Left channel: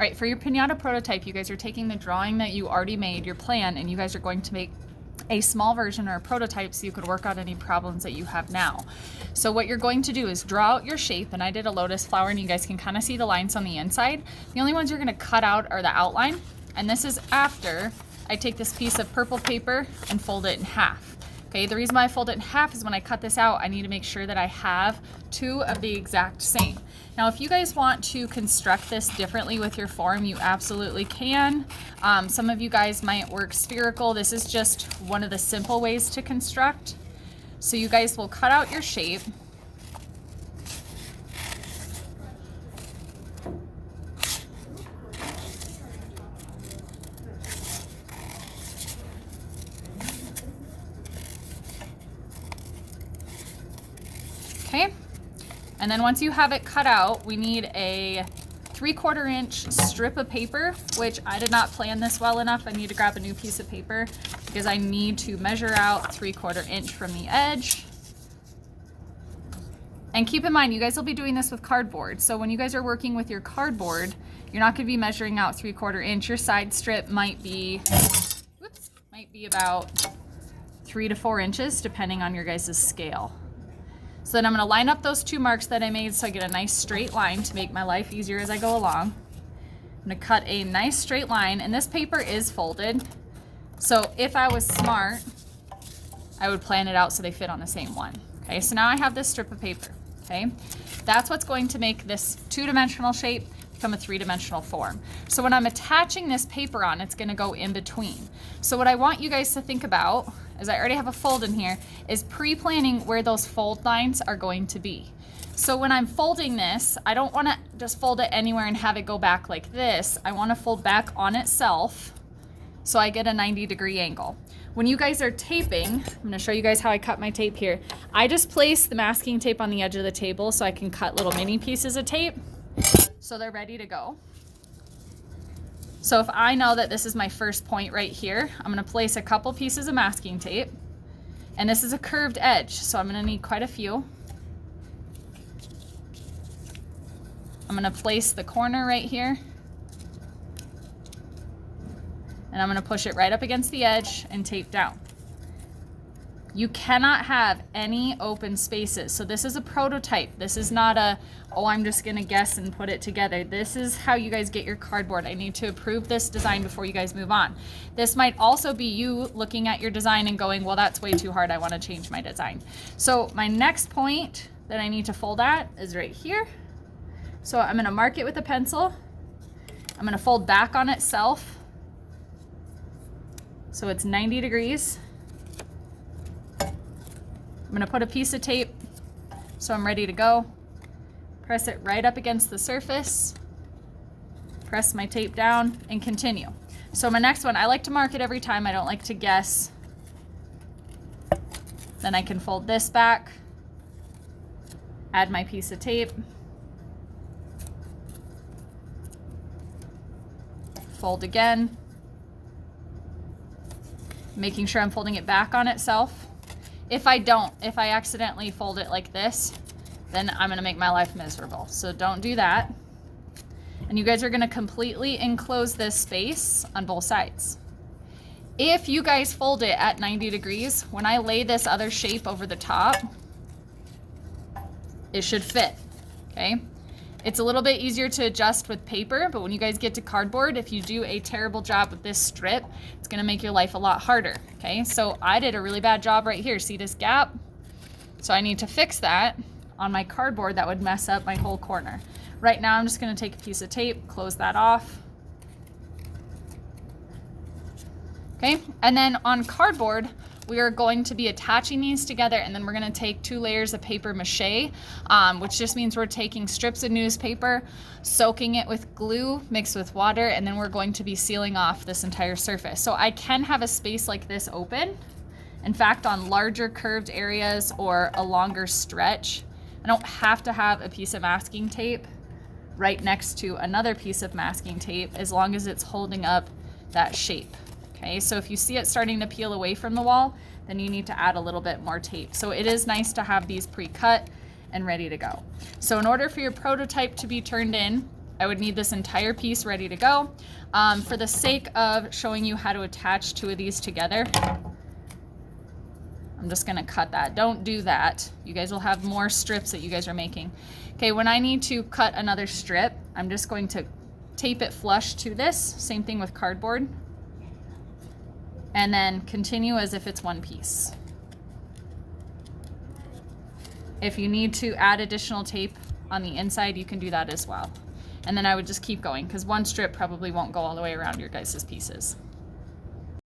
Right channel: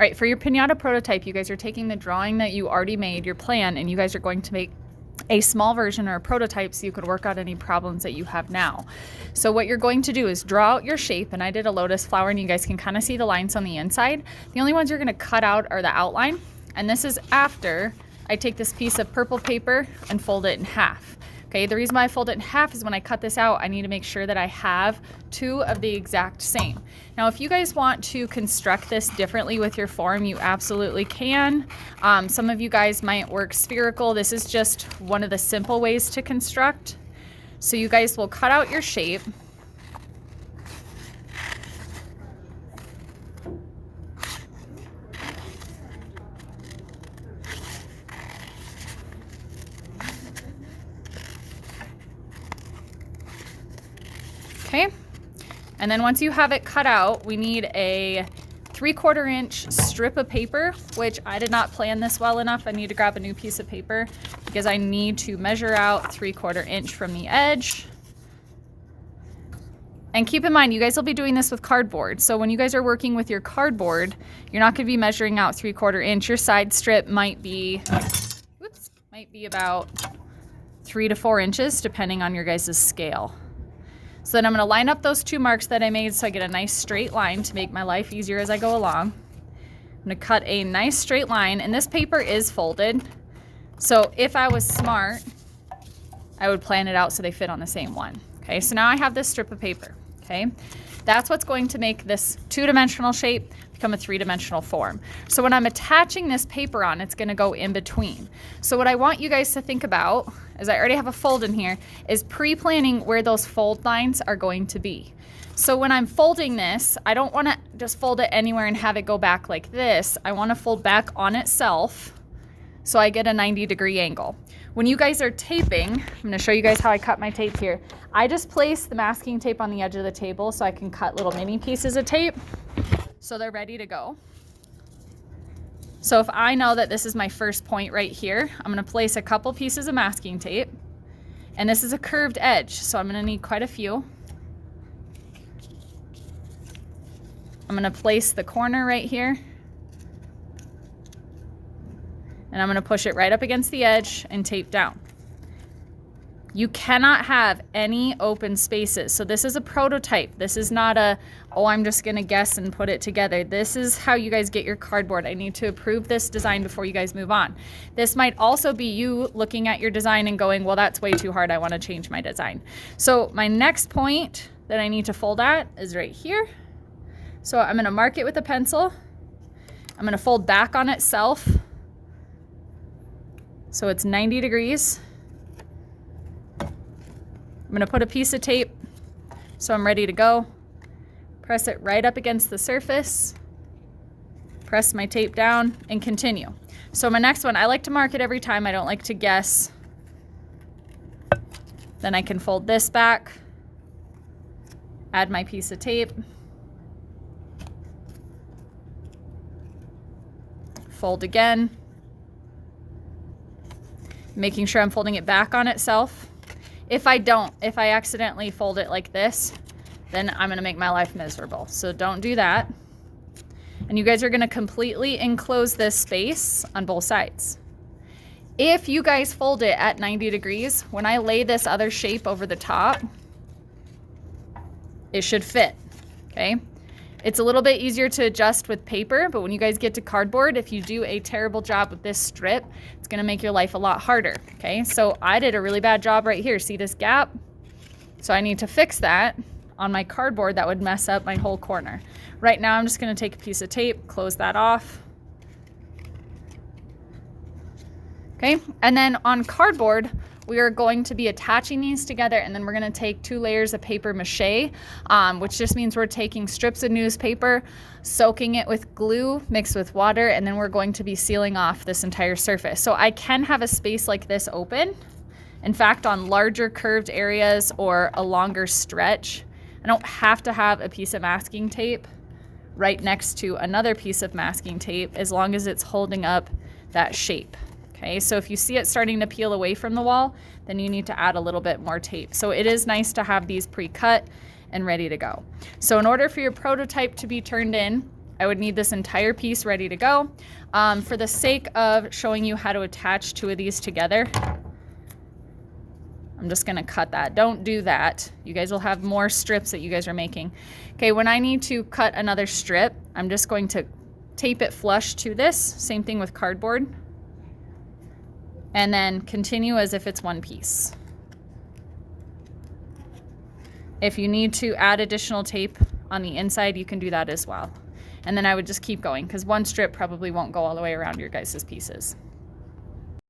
All right, for your Pinata Prototype, you guys are taking the drawing that you already made, your plan, and you guys are going to make a small version or a prototype so you could work out any problems that you have now. So what you're going to do is draw out your shape, and I did a lotus flower, and you guys can kind of see the lines on the inside. The only ones you're going to cut out are the outline, and this is after I take this piece of purple paper and fold it in half. Okay, the reason why I fold it in half is when I cut this out, I need to make sure that I have two of the exact same. Now, if you guys want to construct this differently with your form, you absolutely can. Some of you guys might work spherical. This is just one of the simple ways to construct. So you guys will cut out your shape. Okay, and then once you have it cut out, we need a 3/4 inch strip of paper, which I did not plan this well enough. I need to grab a new piece of paper because I need to measure out 3/4 inch from the edge. And keep in mind, you guys will be doing this with cardboard. So when you guys are working with your cardboard, you're not gonna be measuring out 3/4 inch. Your side strip might be about 3 to 4 inches, depending on your guys' scale. So then I'm going to line up those two marks that I made so I get a nice straight line to make my life easier as I go along. I'm going to cut a nice straight line, and this paper is folded. So if I was smart, I would plan it out so they fit on the same one. Okay, so now I have this strip of paper. Okay, that's what's going to make this two-dimensional shape become a three-dimensional form. So when I'm attaching this paper on, it's going to go in between. So what I want you guys to think about, as I already have a fold in here, is pre-planning where those fold lines are going to be. So when I'm folding this, I don't want to just fold it anywhere and have it go back like this. I want to fold back on itself so I get a 90-degree angle. When you guys are taping, I'm going to show you guys how I cut my tape here. I just place the masking tape on the edge of the table so I can cut little mini pieces of tape so they're ready to go. So if I know that this is my first point right here, I'm going to place a couple pieces of masking tape, and this is a curved edge, so I'm going to need quite a few. I'm going to place the corner right here, and I'm going to push it right up against the edge and tape down. You cannot have any open spaces. So this is a prototype. This is not a, oh, I'm just gonna guess and put it together. This is how you guys get your cardboard. I need to approve this design before you guys move on. This might also be you looking at your design and going, well, that's way too hard. I wanna change my design. So my next point that I need to fold at is right here. So I'm gonna mark it with a pencil. I'm gonna fold back on itself. So it's 90 degrees. I'm going to put a piece of tape so I'm ready to go. Press it right up against the surface. Press my tape down and continue. So my next one, I like to mark it every time. I don't like to guess. Then I can fold this back, add my piece of tape, fold again, making sure I'm folding it back on itself. If I accidentally fold it like this, then I'm gonna make my life miserable. So don't do that. And you guys are gonna completely enclose this space on both sides. If you guys fold it at 90 degrees, when I lay this other shape over the top, it should fit, okay? It's a little bit easier to adjust with paper, but when you guys get to cardboard, if you do a terrible job with this strip, it's gonna make your life a lot harder, okay? So I did a really bad job right here. See this gap? So I need to fix that on my cardboard. That would mess up my whole corner. Right now, I'm just gonna take a piece of tape, close that off. Okay, and then on cardboard, we are going to be attaching these together, and then we're going to take 2 layers of paper mache, which just means we're taking strips of newspaper, soaking it with glue mixed with water, and then we're going to be sealing off this entire surface. So I can have a space like this open. In fact, on larger curved areas or a longer stretch, I don't have to have a piece of masking tape right next to another piece of masking tape as long as it's holding up that shape. Okay, so if you see it starting to peel away from the wall, then you need to add a little bit more tape. So it is nice to have these pre-cut and ready to go. So in order for your prototype to be turned in, I would need this entire piece ready to go. For the sake of showing you how to attach two of these together, I'm just gonna cut that. Don't do that. You guys will have more strips that you guys are making. Okay, when I need to cut another strip, I'm just going to tape it flush to this. Same thing with cardboard. And then continue as if it's one piece. If you need to add additional tape on the inside, you can do that as well. And then I would just keep going because one strip probably won't go all the way around your guys' pieces.